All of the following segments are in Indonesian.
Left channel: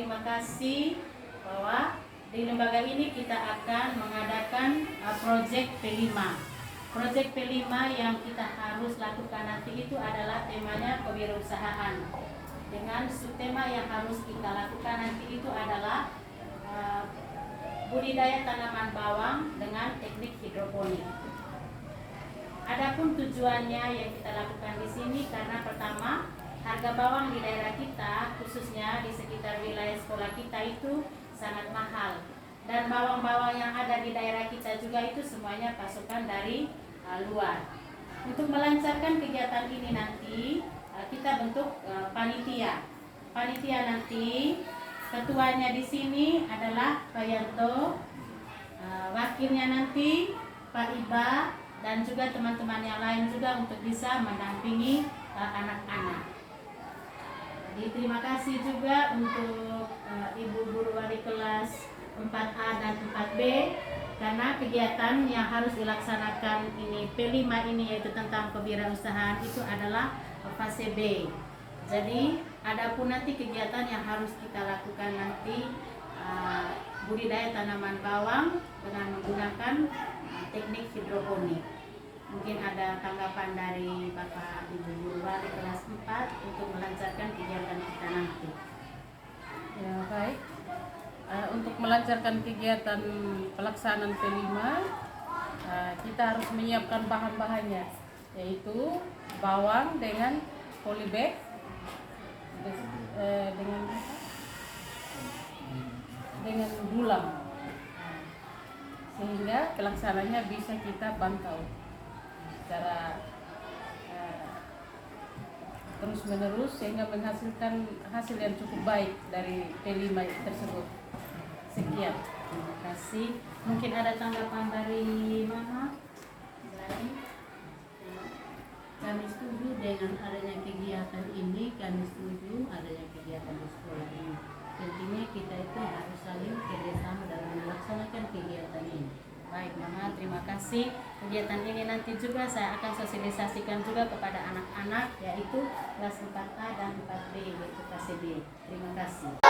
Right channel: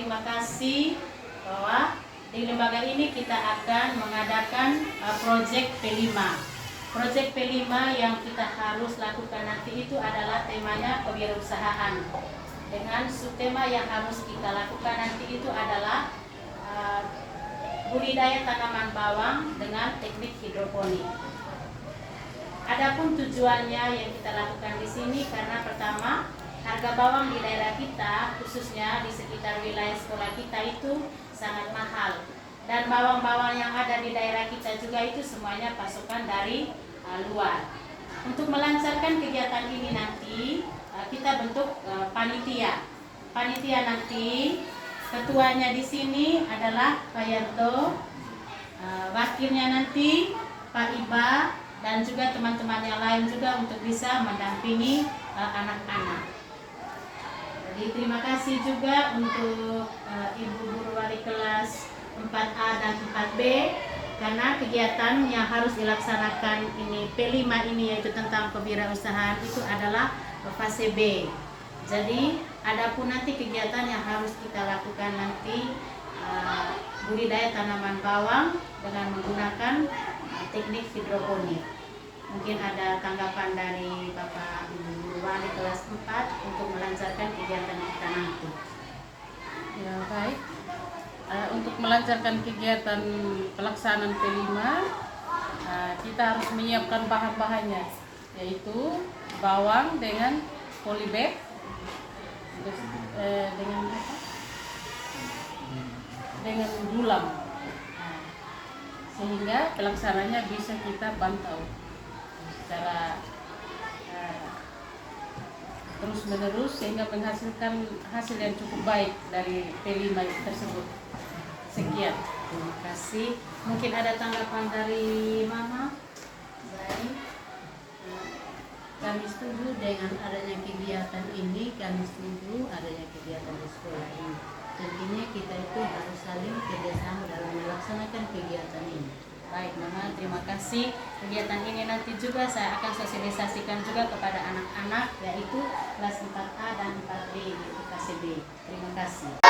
terima kasih bahwa di lembaga ini kita akan mengadakan proyek P5. Proyek P5 yang kita harus lakukan nanti itu adalah temanya kewirausahaan. Dengan subtema yang harus kita lakukan nanti itu adalah budidaya tanaman bawang dengan teknik hidroponik. Adapun tujuannya yang kita lakukan di sini karena pertama, harga bawang di daerah kita, khususnya di sekitar wilayah sekolah kita itu sangat mahal. Dan bawang-bawang yang ada di daerah kita juga itu semuanya pasokan dari luar. Untuk melancarkan kegiatan ini nanti, kita bentuk panitia. Panitia nanti ketuanya di sini adalah Pak Yanto, wakilnya nanti Pak Iba, dan juga teman-teman yang lain juga untuk bisa mendampingi anak-anak. Jadi terima kasih juga untuk Ibu Guru Wali Kelas 4A dan 4B karena kegiatan yang harus dilaksanakan ini P5 ini yaitu tentang kewirausahaan itu adalah fase B. Jadi adapun nanti kegiatan yang harus kita lakukan nanti budidaya tanaman bawang dengan menggunakan teknik hidroponik. Mungkin ada tanggapan dari Bapak Ibu Guru Wali kelas 4 untuk melancarkan kegiatan kita nanti. Ya, baik. Untuk melancarkan kegiatan pelaksanaan P5, kita harus menyiapkan bahan-bahannya, yaitu bawang dengan polybag, dengan dulam, sehingga pelaksananya bisa kita pantau secara terus menerus sehingga menghasilkan hasil yang cukup baik dari P5 tersebut. Sekian. Terima kasih. Mungkin ada tanggapan dari Mama? Baik. Kami setuju dengan adanya kegiatan ini, kami setuju adanya kegiatan di sekolah ini. Tentunya kita itu harus saling kerjasama dalam melaksanakan kegiatan ini. Baik Mama, terima kasih. Kegiatan ini nanti juga saya akan sosialisasikan juga kepada anak-anak yaitu kelas 4A dan 4B yaitu KCB. Terima kasih.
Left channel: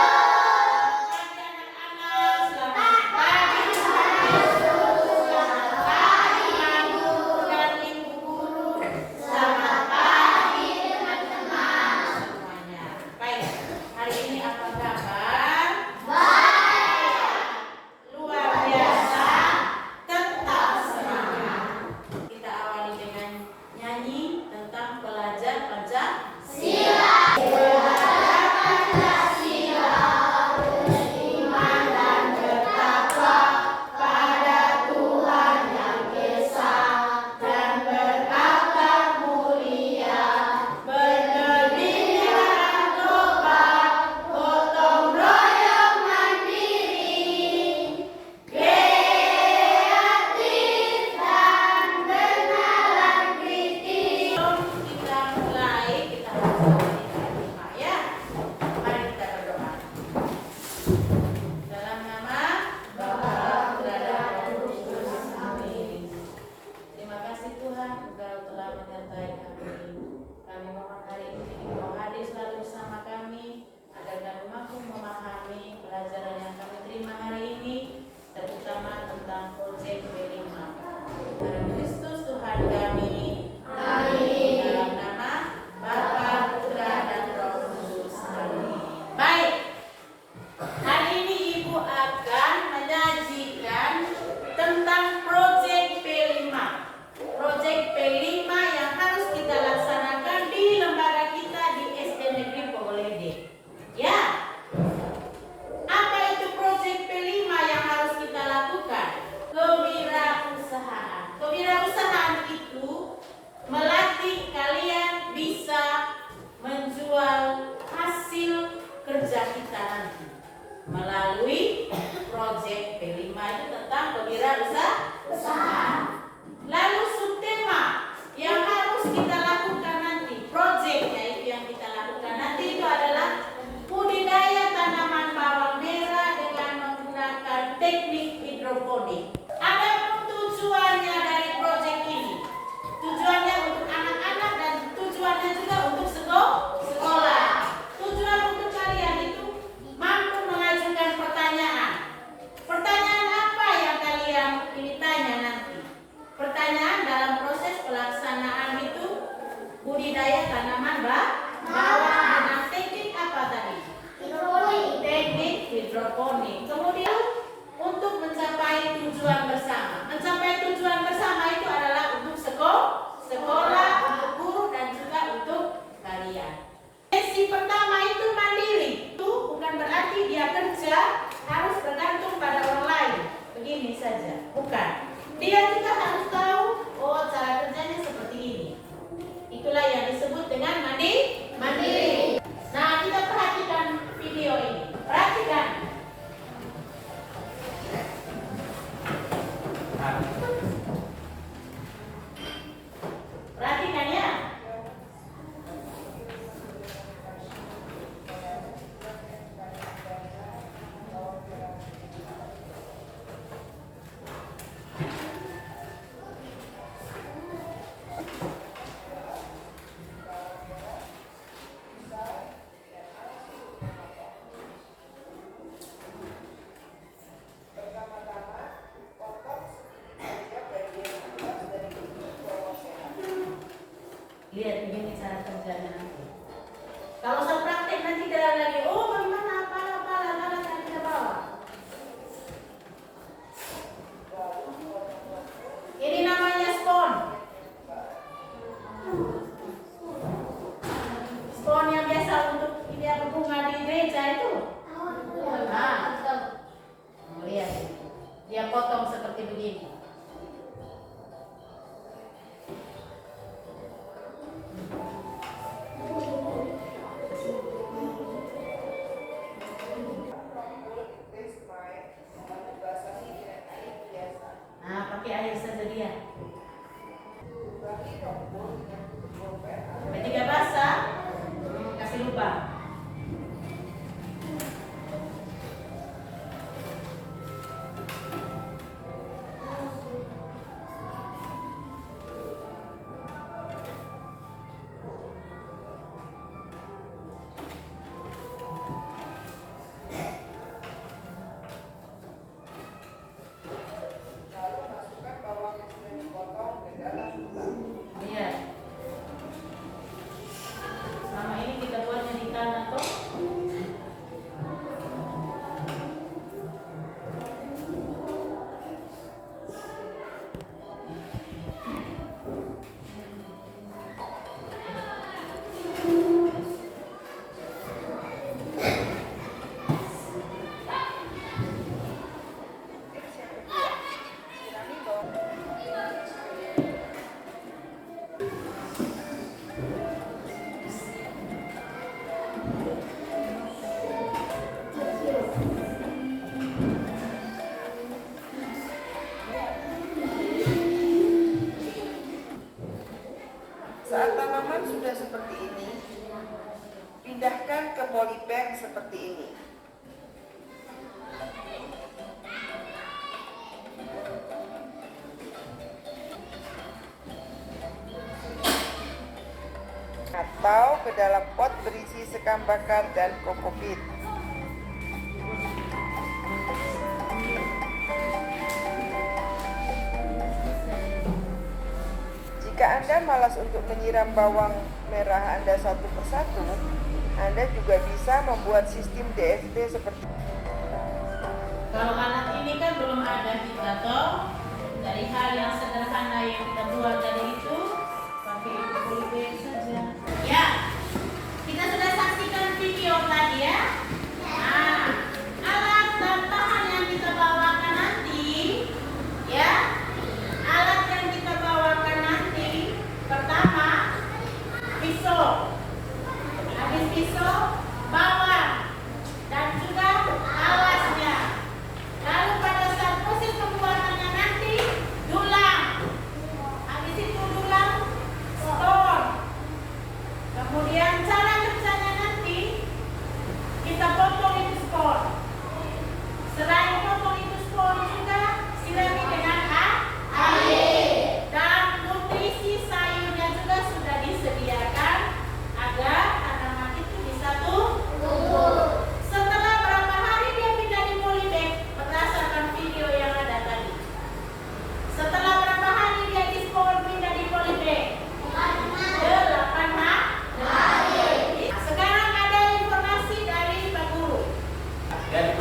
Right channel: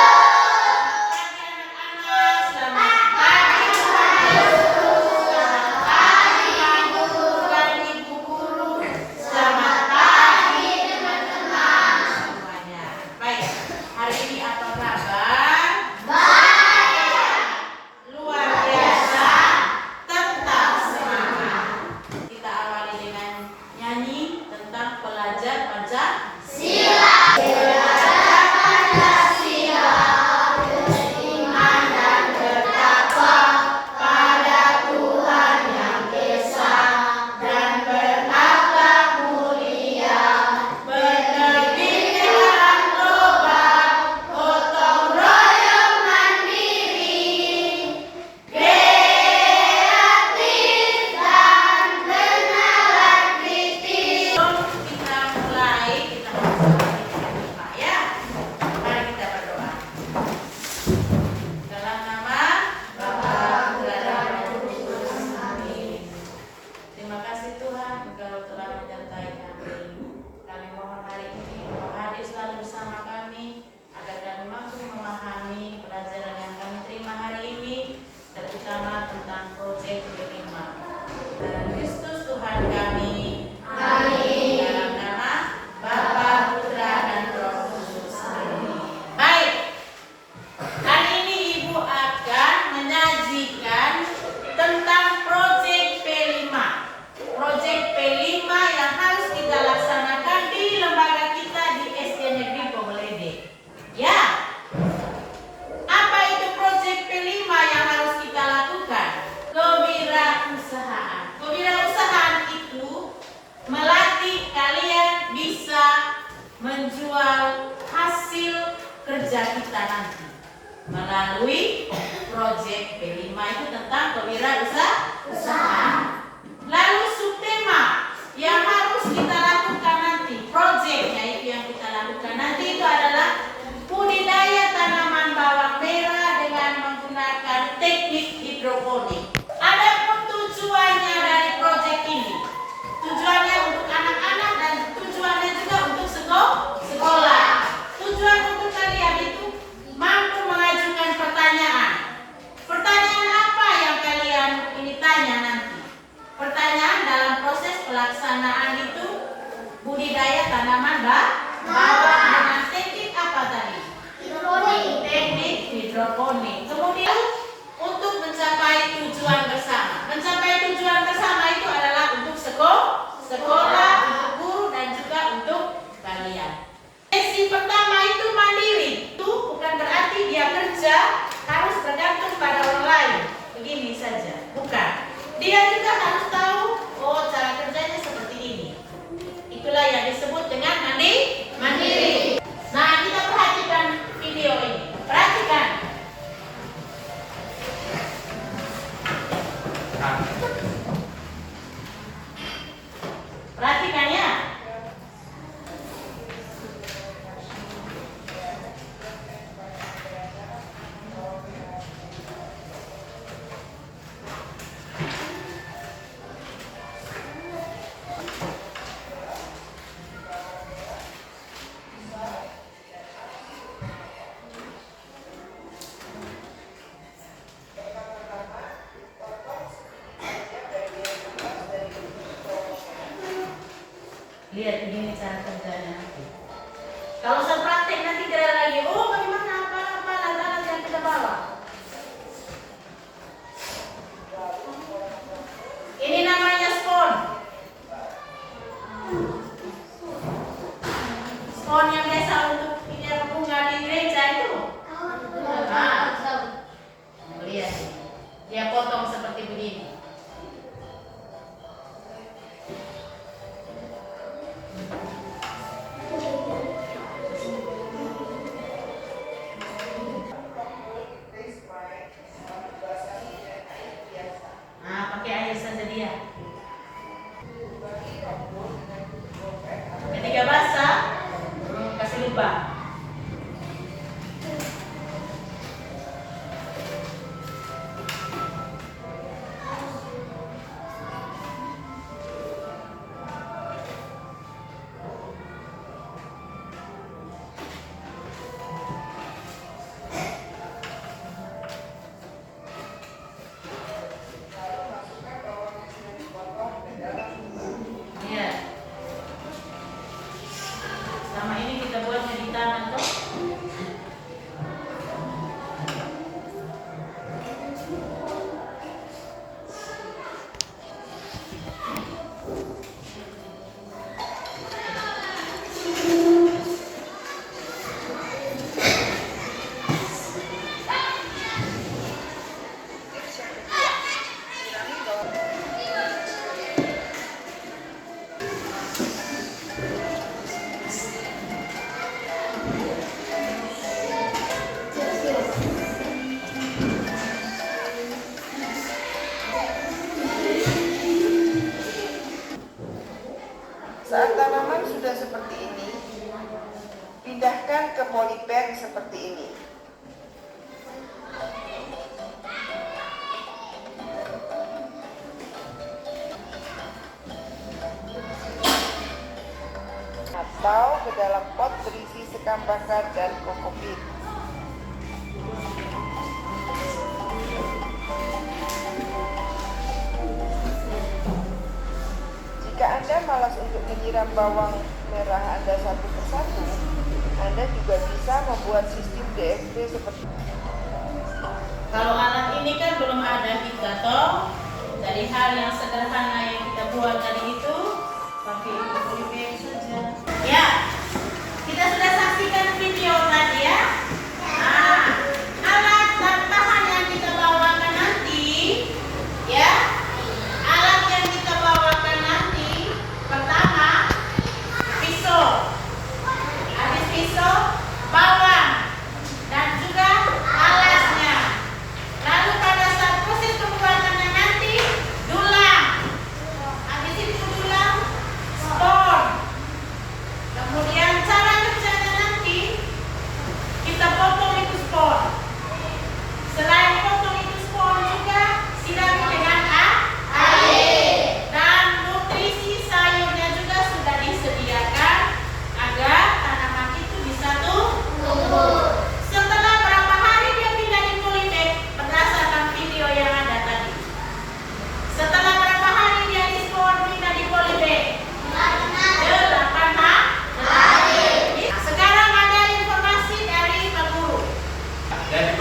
menjual hasil kerja kita nanti melalui proyek P5 itu tentang kewirausahaan. Lalu subtema yang harus kita lakukan nanti, proyeknya itu yang kita lakukan nanti itu adalah budidaya tanaman bawang merah dengan menggunakan teknik hidroponik. Ada tujuannya dari proyek ini. Tujuannya untuk anak-anak dan tujuannya juga untuk sekolah. Tujuan untuk kalian itu mampu hidroponik. Kemudian untuk mencapai tujuan bersama. Mencapai tujuan bersama itu adalah untuk sekolah, untuk guru, dan juga untuk kalian. Sesi pertama itu mandiri. Itu bukan berarti dia kerja harus bergantung pada orang lain. Begini saja, bukan. Dia juga harus tahu, oh cara kerjanya seperti ini. Itulah yang disebut dengan mandiri. Nah, kita perhatikan video ini. Perhatikan. Perhatikan ya. Lihat begini cara kerjanya nanti. Kalau saya praktek nanti tidak lagi, oh bagaimana apa alat-alat yang kita bawa. Ini namanya spon. Spon yang biasa untuk pindah bunga di gereja itu. Nah, lihat, dia potong seperti begini. Pakai air saja dia. Ketika basah, kasih lubang. Selama ini kita buatnya di tanah kok. Saat tanaman sudah seperti ini, pindahkan ke polybag seperti ini. Atau ke dalam pot berisi sekam bakar dan kokopit. Jika Anda malas untuk menyiram bawang merah Anda satu persatu, Anda juga bisa membuat sistem DSP seperti Kalau alat ini kan belum ada kita toh, dari hal yang sederhana yang kita buat tadi itu pakai polybag saja. Ya, kita sudah saksikan video tadi ya. Nah, alat dan bahan yang kita bawakan nanti, ya. Alat yang kita bawakan nanti, pertama pisau, habis pisau bawang dan juga alasnya. Lalu pada saat proses pembuatannya nanti dulang, habis itu dulang spon, kemudian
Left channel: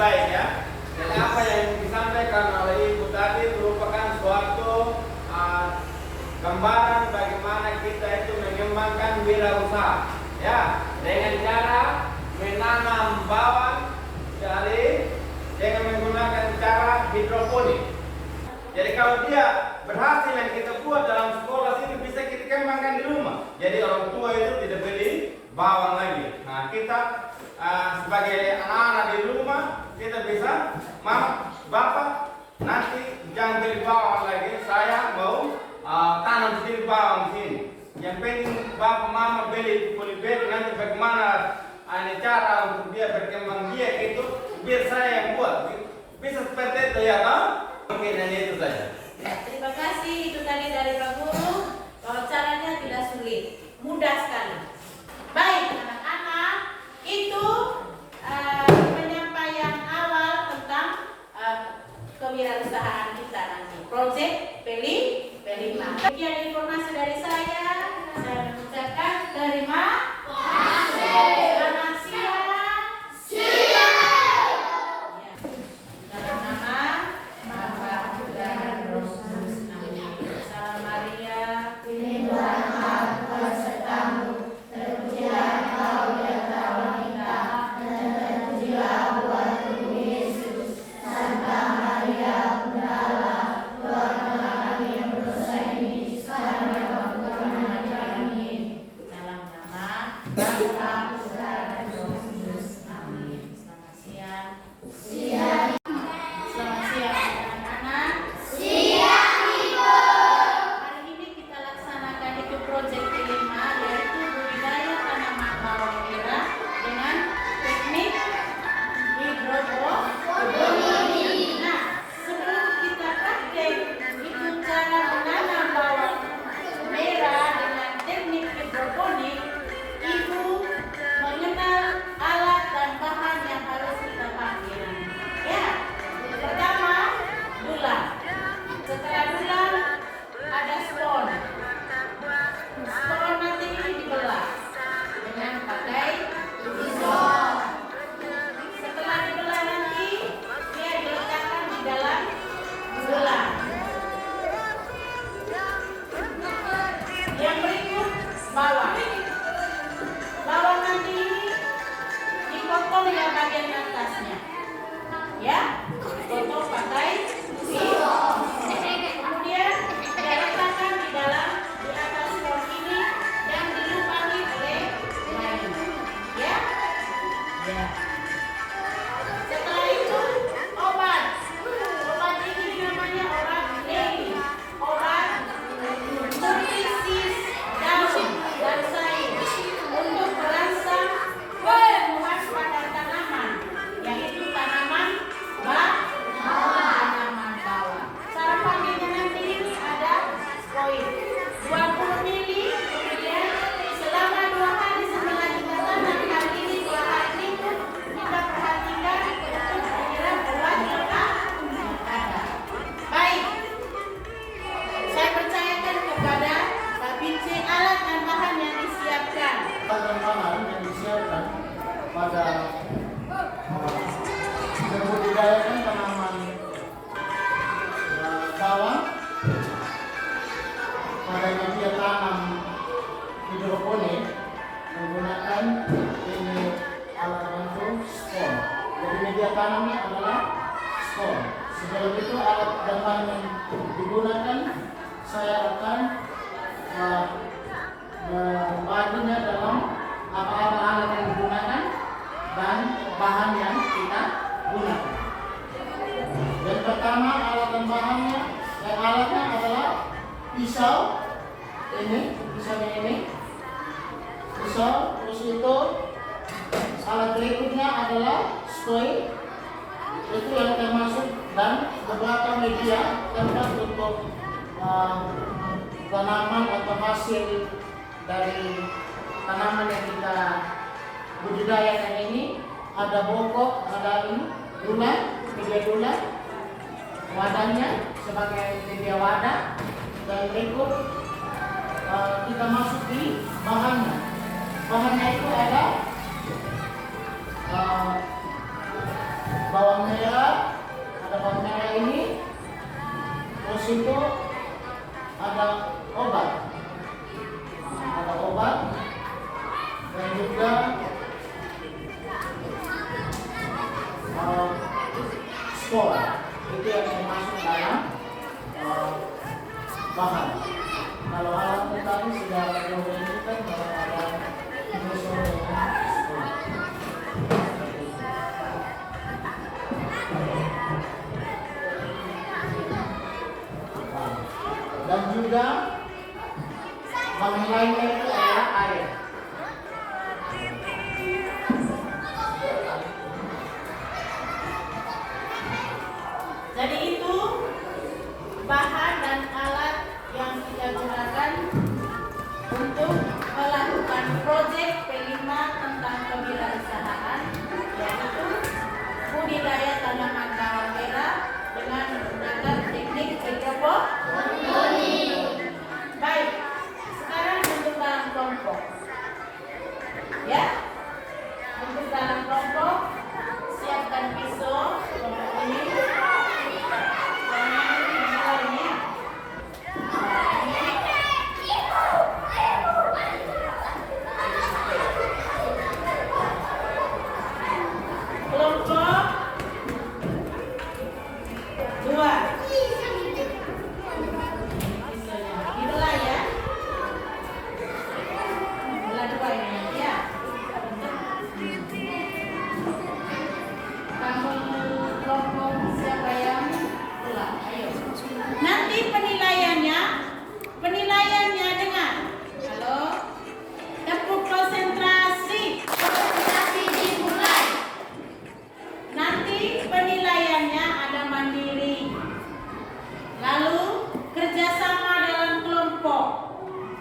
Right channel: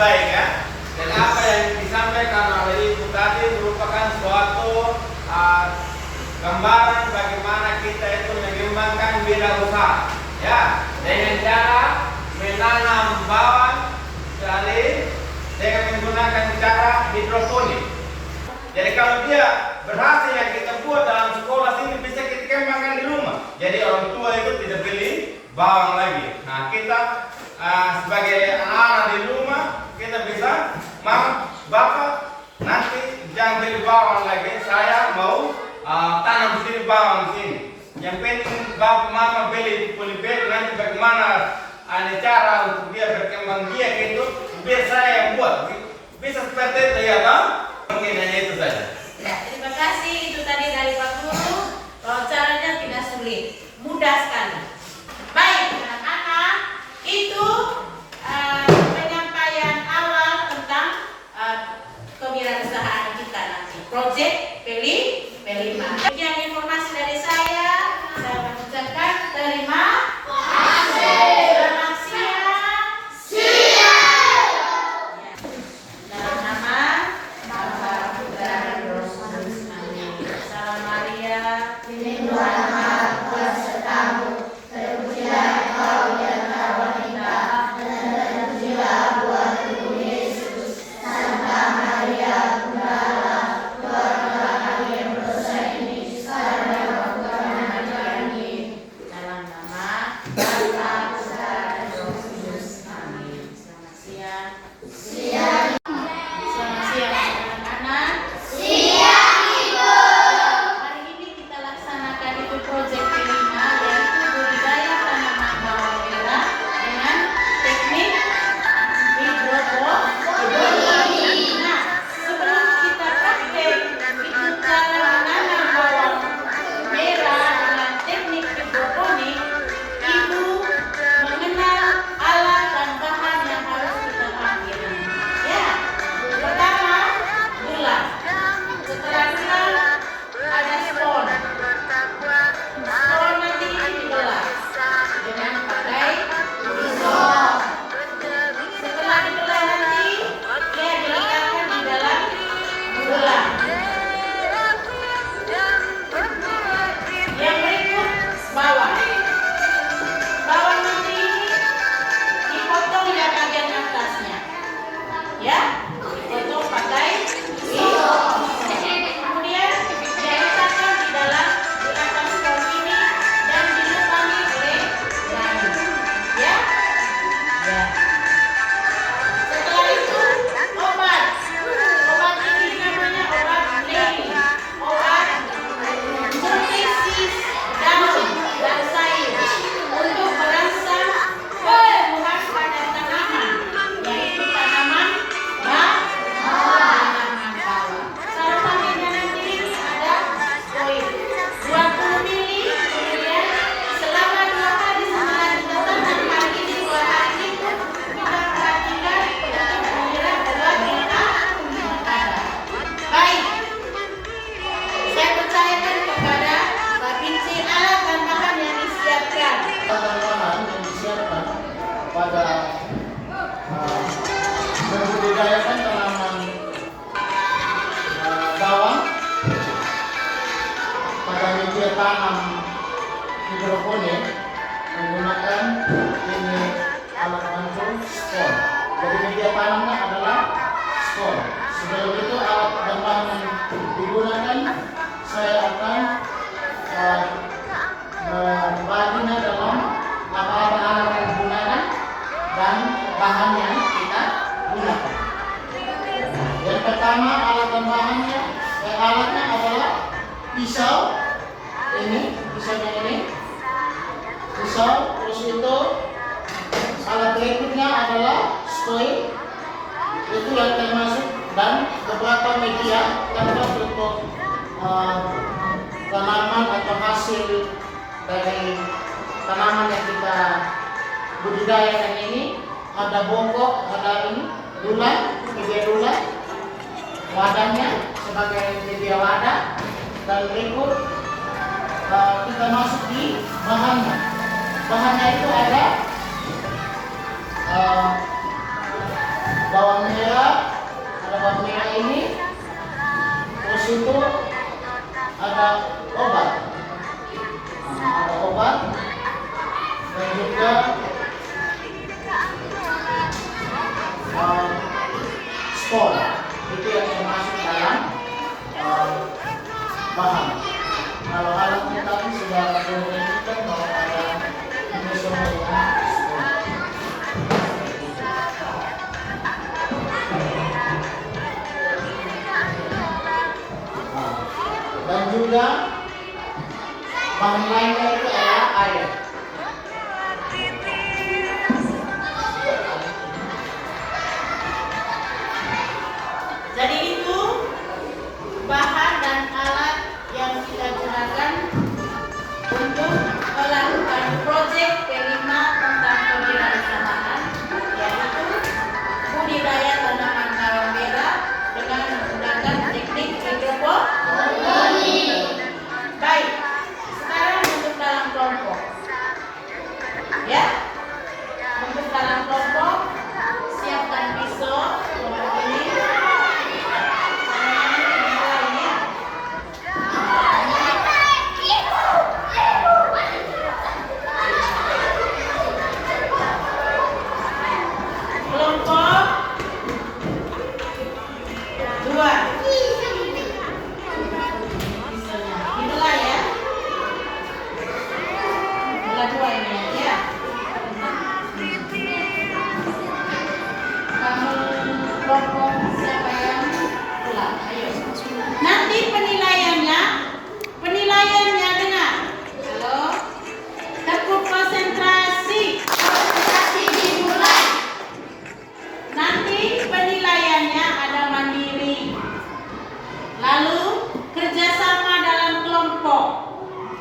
baik ya. Dan apa yang disampaikan oleh Ibu tadi merupakan suatu gambaran bagaimana kita itu mengembangkan wirausaha ya, dengan cara menanam bawang dengan menggunakan cara hidroponik. Jadi kalau dia berhasil yang kita buat dalam sekolah sini bisa kita kembangkan di rumah. Jadi orang tua itu tidak beli bawang lagi. Nah kita sebagai anak-anak di rumah kita bisa, Mama, Bapak, nanti jangan beli bawang lagi. Saya mau tanam di sini bawang di sini. Yang penting Bapak Mama beli polybag, nanti bagaimana ada cara untuk dia berkembang biak itu biar saya yang buat. Bisa seperti itu ya Bang? Mungkin hanya itu saja. Ya, terima kasih. Itu tadi dari Pak Guru. Wawancaranya tidak sulit, mudah sekali. Baik, anak-anak, itu penyampaian awal tentang kewirausahaan kita nanti. Proyek Pelima. Sekian informasi dari saya mengucapkan terima kasih. Selamat siang. Dalam nama Bapa dan Roh Kudus. Amin. Salam Maria, lindungan Maha besertamu. Terpujilah Engkau di antara wanita, dan terpujilah buah tubuh Yesus. Santa Maria, Bunda Allah, doakanlah kami yang berdosa ini, sekarang dan waktu kami mati. Amin. Dalam nama Bapa, Putra, dan Roh Kudus. Amin. Selamat siang. Selamat siang anak-anak. Hari ini kita laksanakan itu proyek kelima, yaitu budidaya tanaman bawang merah dengan teknik hidroponik. Nah, sebelum kita praktek itu cara menanam bawang merah dengan teknik hidroponik, Ibu mengenal alat dan bahan yang harus kita pakai. Ya, pertama gula. Setelah gula ada spon. Spon nanti ini dibelah dengan pakai pisau. Setelah dibelah nanti dia diletakkan di dalam gula. Yang berikut bawang. Bawang nanti dipotong ya bagian atasnya. Ya, dipotong pakai pisau. Kemudian dia letakkan di atas spon ini dan dilubangi oleh kayu. Ya. Ya. Setelah itu obat. Obat ini namanya obat lili. Obat nutrisi daun dan sayur untuk merangsang pertumbuhan pada tanaman, yaitu tanaman tanaman bawang. Cara pakainya nanti ini ada koin 20 mili. Kemudian selama 2 hari setelah kita tanam, hari ini 2 hari itu kita perhatikan untuk menyiram obat yang ada. Baik, saya percayakan kepada Pak Binci alat dan bahan yang disiapkan. Bahan yang disiapkan pada membudidayakan tanaman bawang pada media tanam hidroponik menggunakan ini alat bantu spon. Jadi media tanamnya adalah spon. Sebelum itu alat dan bahan yang digunakan saya akan membaginya dalam apa-apa alat yang digunakan dan bahan yang kita gunakan. Yang pertama alat dan bahannya, alatnya adalah pisau pisaunya ini, pisau. Terus itu alat berikutnya adalah skoil, itu yang termasuk, dan beberapa media tempat untuk tanaman atau hasil dari tanaman yang kita budidayakan ini. Ada bongkok, ada ini dulang, media dulang, wadahnya sebagai media wadah, dan berikut kita masuk di bahannya. Bahannya itu ada bawang situ ada obat. Nah, ada obat dan juga spor. Itu yang termasuk dalam bahan. Kalau alatnya tadi sudah menunjukkan bahwa ada menyusul dengan spor. Dan juga bahan lainnya itu adalah air. Jadi itu bahan dan alat yang kita gunakan untuk melakukan proyek P5 tentang kewirausahaan, yaitu budidaya tanaman bawang merah dengan menggunakan teknik hidroponik. Baik, sekarang untuk dalam kelompok. Ya, untuk dalam kelompok siapkan pisau kelompok ini. Kelompok 2. Itulah ya. Belah 2 ini ya. Kamu kelompok siapa yang pulang? Ayo. Nanti penilaiannya dengar. Halo. Tepuk konsentrasi. Konsentrasi dimulai. Nanti penilaiannya ada mandiri, lalu kerjasama dalam kelompok,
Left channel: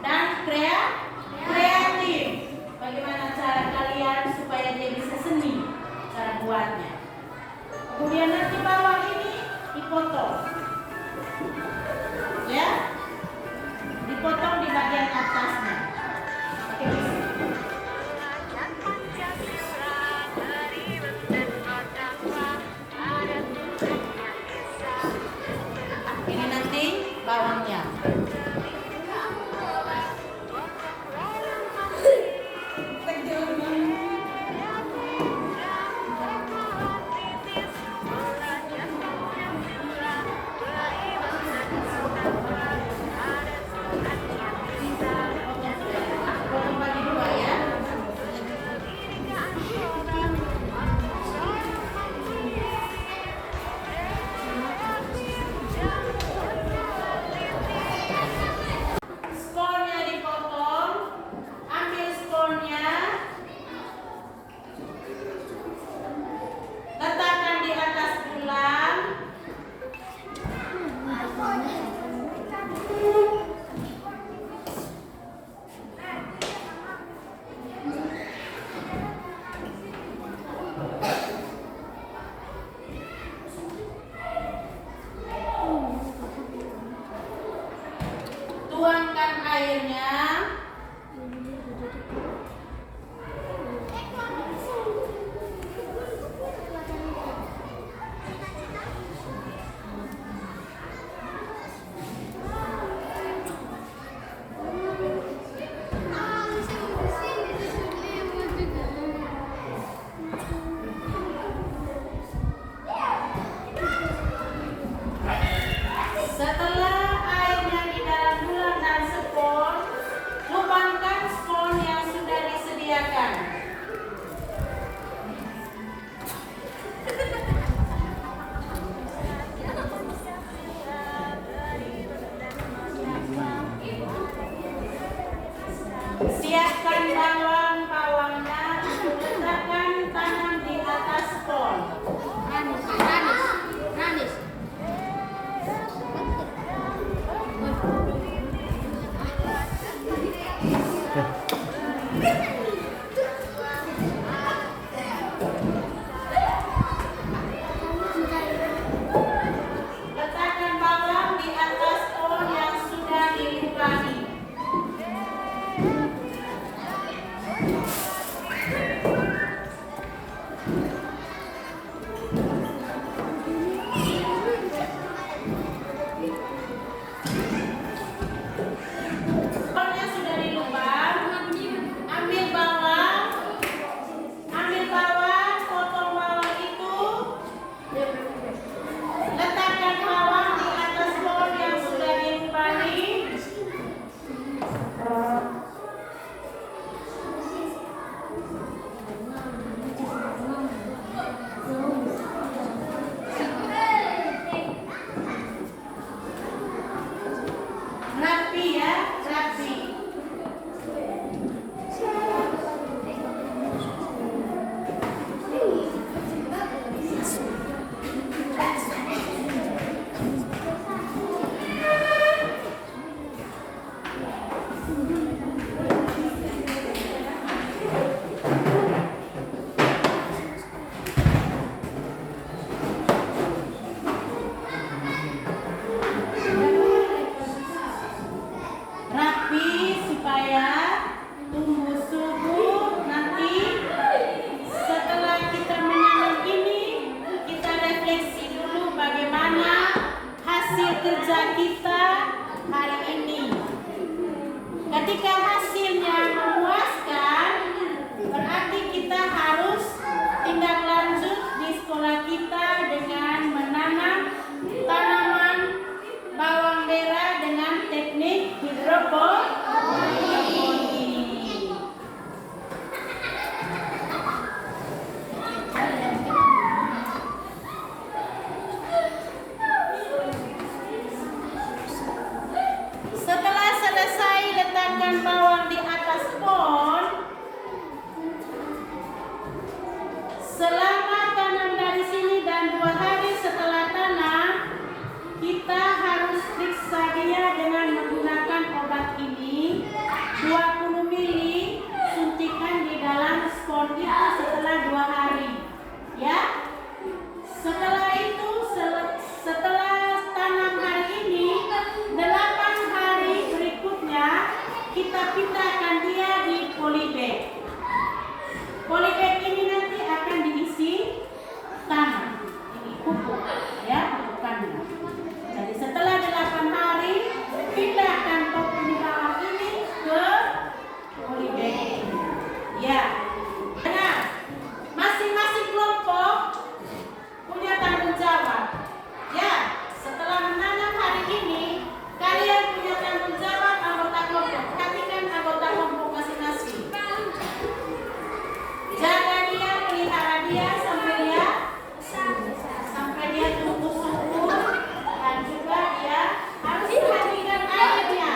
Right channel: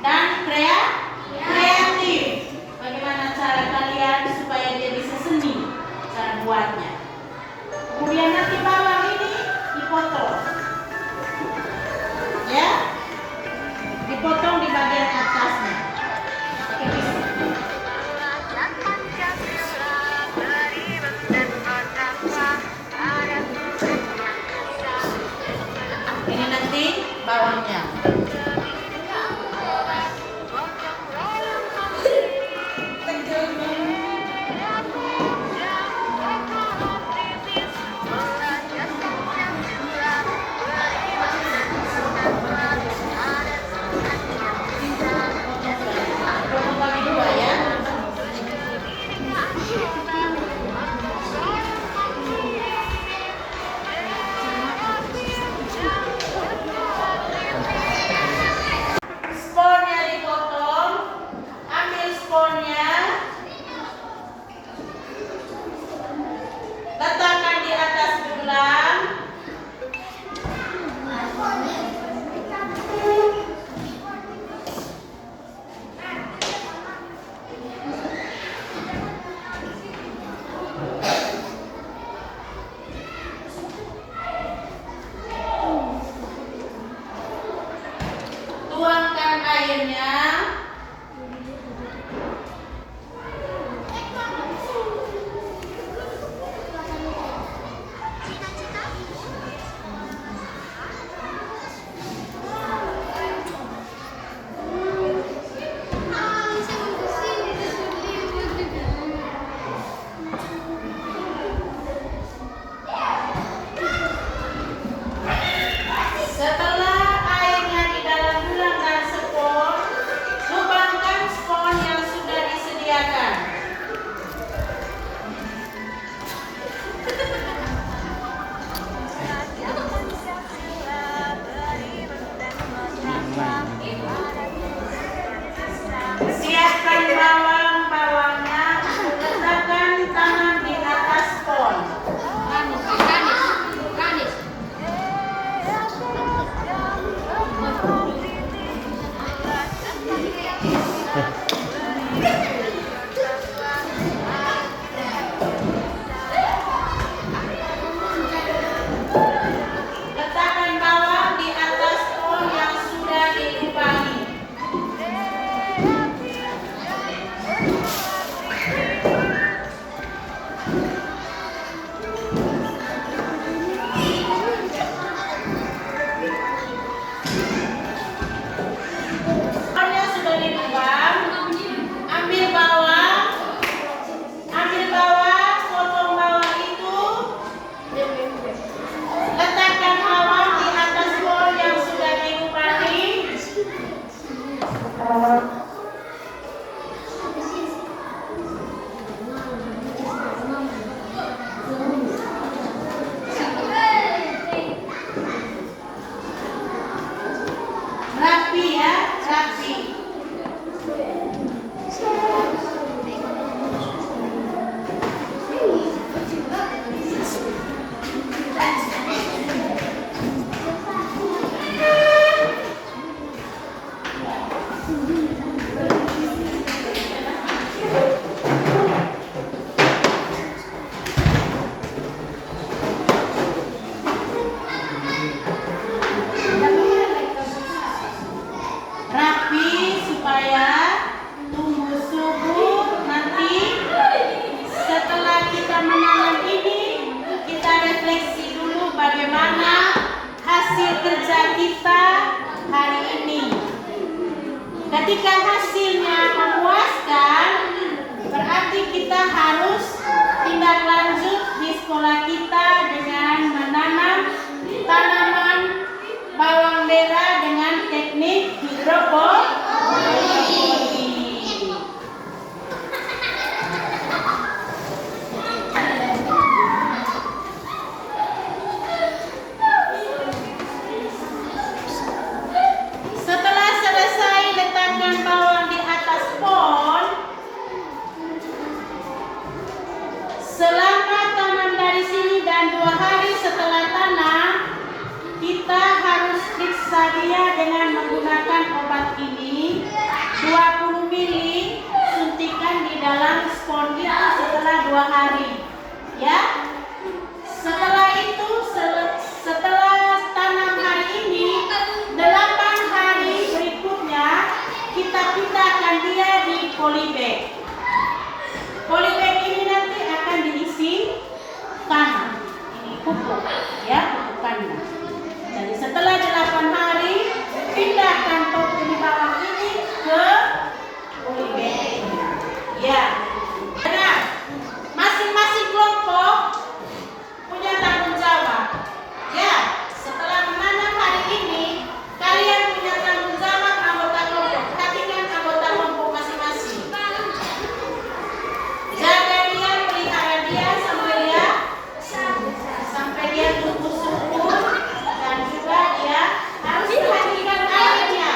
dan kreatif. Bagaimana cara kalian supaya dia bisa seni cara buatnya. Kemudian nanti bawang ini dipotong, ya, dipotong di bagian atasnya. Pakai pisau. Ini nanti bawangnya. kerja kita hari ini. Ketika hasilnya memuaskan, berarti kita harus tindak lanjut di sekolah kita dengan menanam tanaman bawang merah dengan teknik hidroponik. Setelah selesai letakkan bawang di atas pohon, selama tanam dari sini dan 2 hari setelah tanam, kita harus periksa dia dengan menggunakan obat ini 20 mili, suntikan di dalam spon itu setelah 2 hari. Ya. Setelah itu, setelah tanam hari ini, 8 hari berikutnya kita pindahkan dia di polybag. Polybag ini nanti akan diisi tanah, ini pupuk, ya, pupukannya. Jadi setelah 8 hari, pindahkan topi di bawah ini ke polybag. Ya, benar. Masing-masing kelompok punya tanggung jawab. Ya, setelah menanam hari ini, kalian punya tanggung jawab anggota kelompok. Perhatikan anggota kelompok masing-masing. Jaga dia, pelihara dia sampai dia tumbuh subur, dan juga dia harus perhatikan airnya.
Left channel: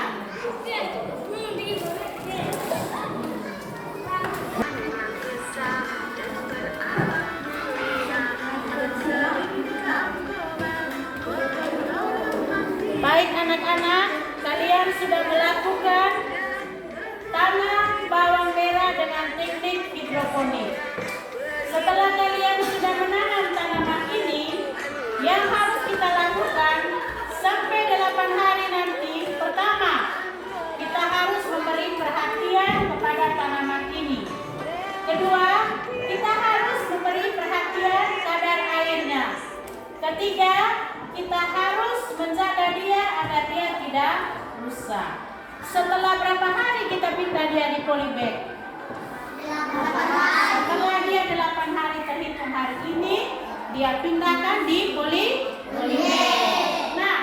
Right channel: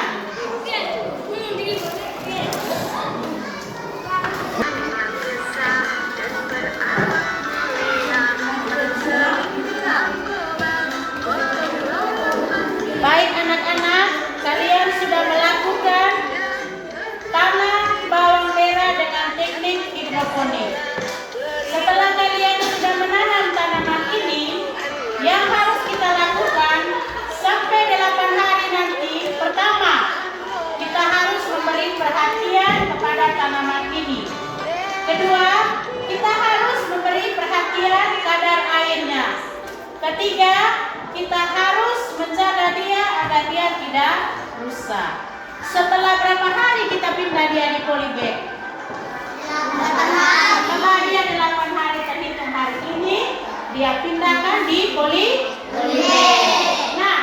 Baik anak-anak, kalian sudah melakukan tanam bawang merah dengan teknik hidroponik. Setelah kalian sudah menanam tanaman ini, yang harus kita lakukan sampai 8 hari nanti, pertama, kita harus memberi perhatian kepada tanaman ini. Kedua, kita harus memberi perhatian kadar airnya. Ketiga, kita harus menjaga dia agar dia tidak rusak. Setelah berapa hari kita pindah dia di polybag? Setelah dia 8 hari terhitung hari ini, dia pindahkan di polybag. Nah,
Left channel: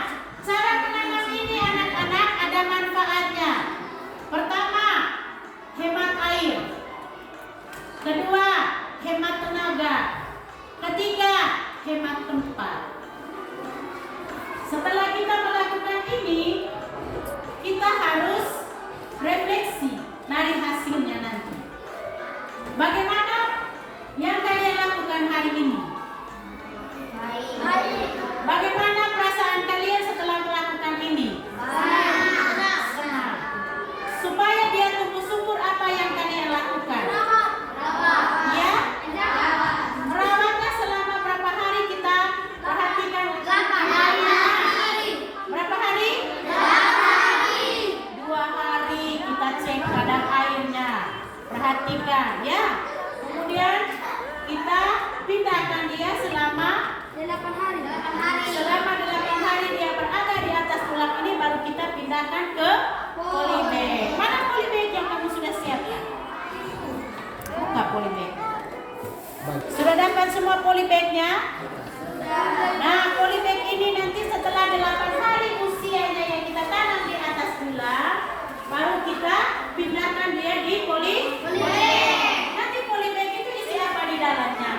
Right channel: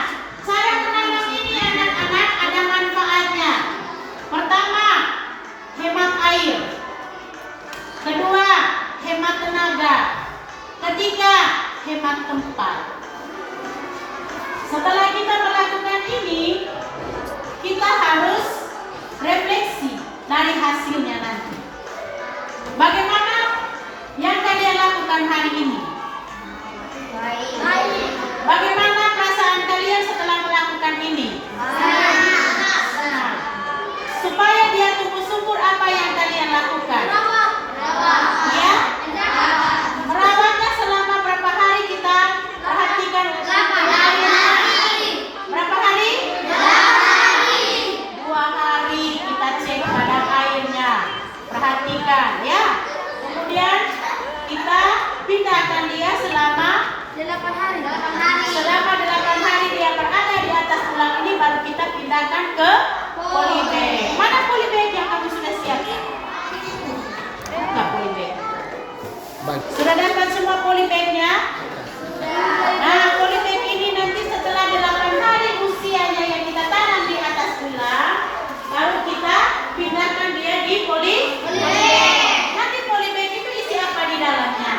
cara menanam ini anak-anak ada manfaatnya. Pertama, hemat air. Kedua, hemat tenaga. Ketiga, hemat tempat. Setelah kita melakukan ini, kita harus refleksi dari hasilnya nanti. Bagaimana yang kalian lakukan hari ini? Bagaimana perasaan kalian setelah melakukan ini? Senang. Supaya dia tumbuh subur, apa yang kalian lakukan? Ya? Merawatnya selama berapa hari kita perhatikan airnya? Berapa hari? 2 hari kita cek kadar airnya. Perhatikan ya. Kemudian kita pindahkan dia selama 8 hari. Selama 8 hari dia berada di atas tulang ini, baru kita pindahkan ke polybag. Mana polybag yang kamu sudah siapkan? Buka polybag. Sudah dapat semua polybagnya? Nah, polybag ini nanti setelah 8 hari usianya yang kita tanam di atas tulang, baru kita pindahkan dia di polybag. Nanti polybag itu isi apa di dalamnya?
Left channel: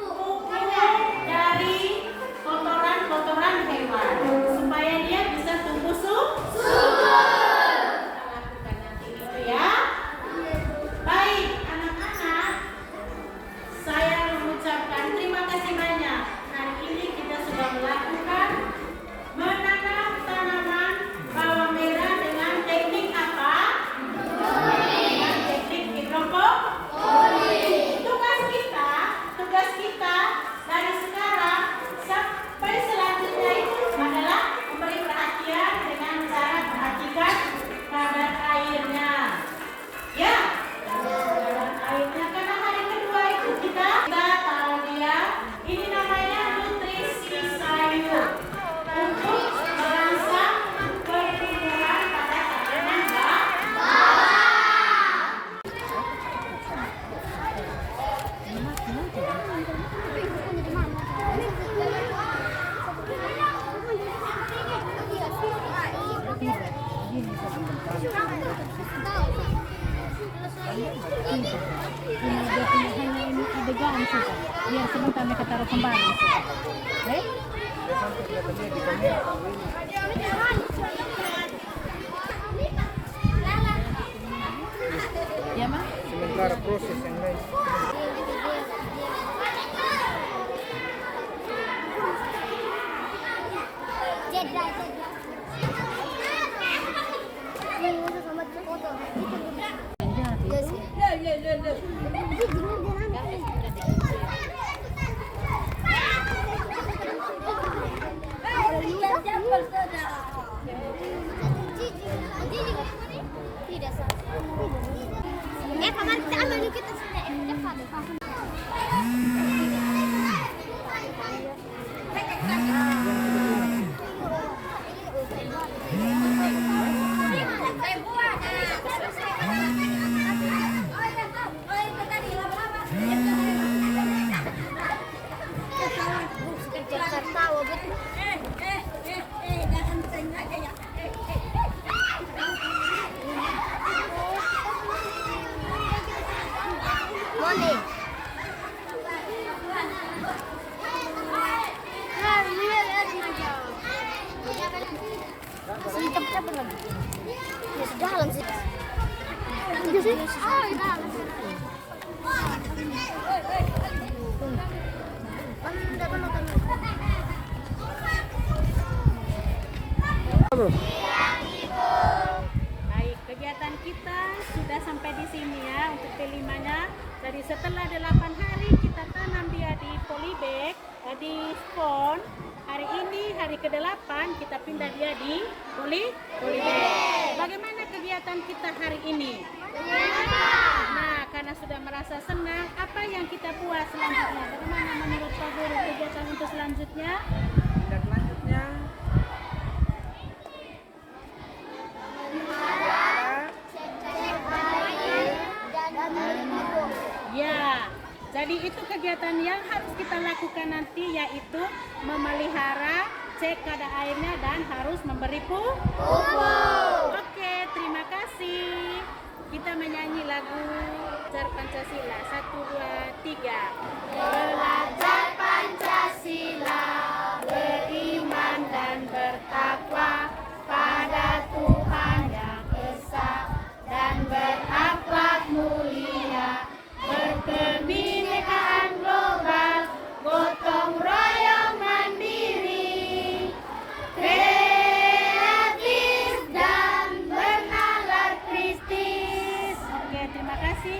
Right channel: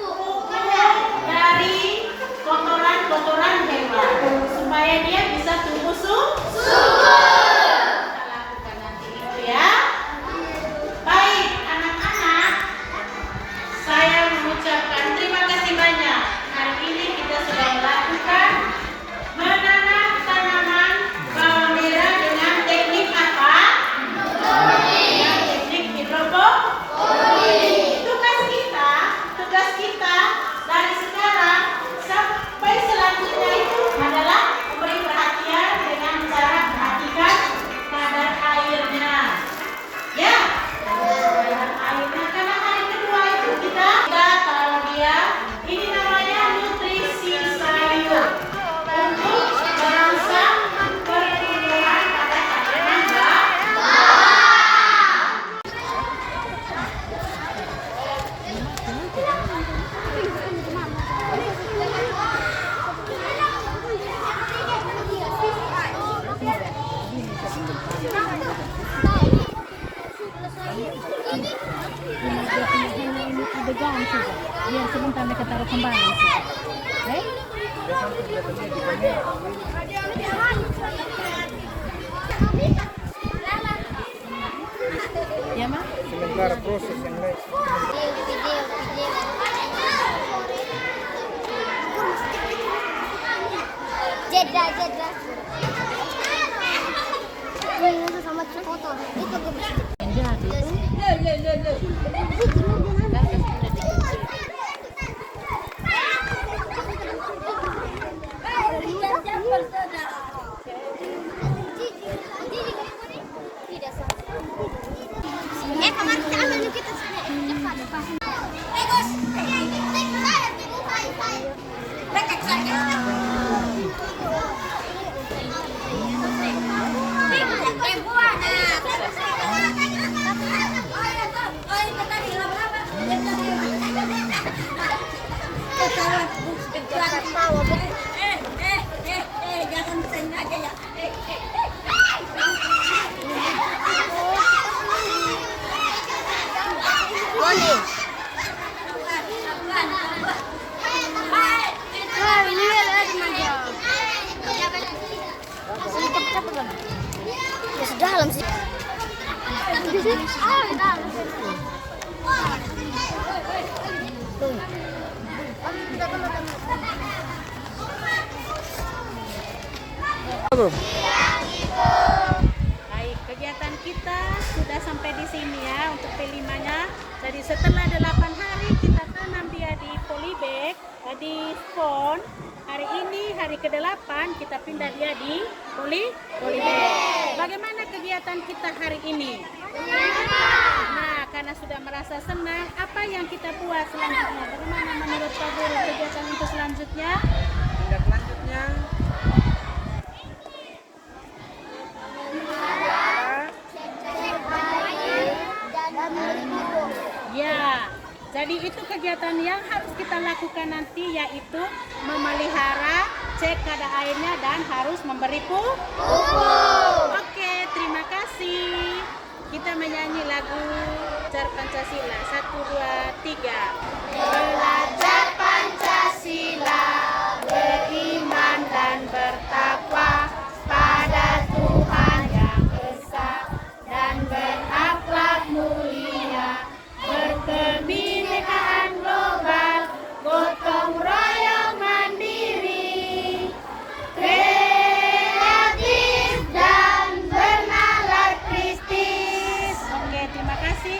Pupuk dari kotoran-kotoran hewan, supaya dia bisa tumbuh subur. Kita lakukan nanti itu ya. Baik, anak-anak, saya mengucapkan sudah. Biar sebentar mereka taruh kembali. Eh? Ya, Ma? Sementara proses yang lain. Jeda. Ini sama foto. Itu kamar kita ambil dulu kita sudah cepat. Dalam sih. Baik, kegiatan kita sudah sampai di sini ya untuk P5-nya. Jadi setelah 8 hari kita tanam dia di polybag, di spon. Hari ini hari ke-8 kita pindah dia di polybag. Bagaimana kegiatan kita hari ini? Nah, karena sudah merasa senang, apa yang kita buat selanjutnya? Bagaimana menurut Pak Guru kegiatan untuk selanjutnya? Tindak lanjutnya Ya, jadi itu kegiatan yang harus kita lakukan nanti, yaitu memelihara, cek kadar airnya, dan harus memberi pupuk. Oke, terima kasih. Kita menyanyi lagu Belajar Pancasila. 1, 2, 3. Belajar Pancasila, beriman dan bertakwa pada Tuhan yang esa dan berakhlak mulia, berkebinekaan global, gotong royong mandiri, kreatif dan bernalar Kristis. Oke, terima kasih.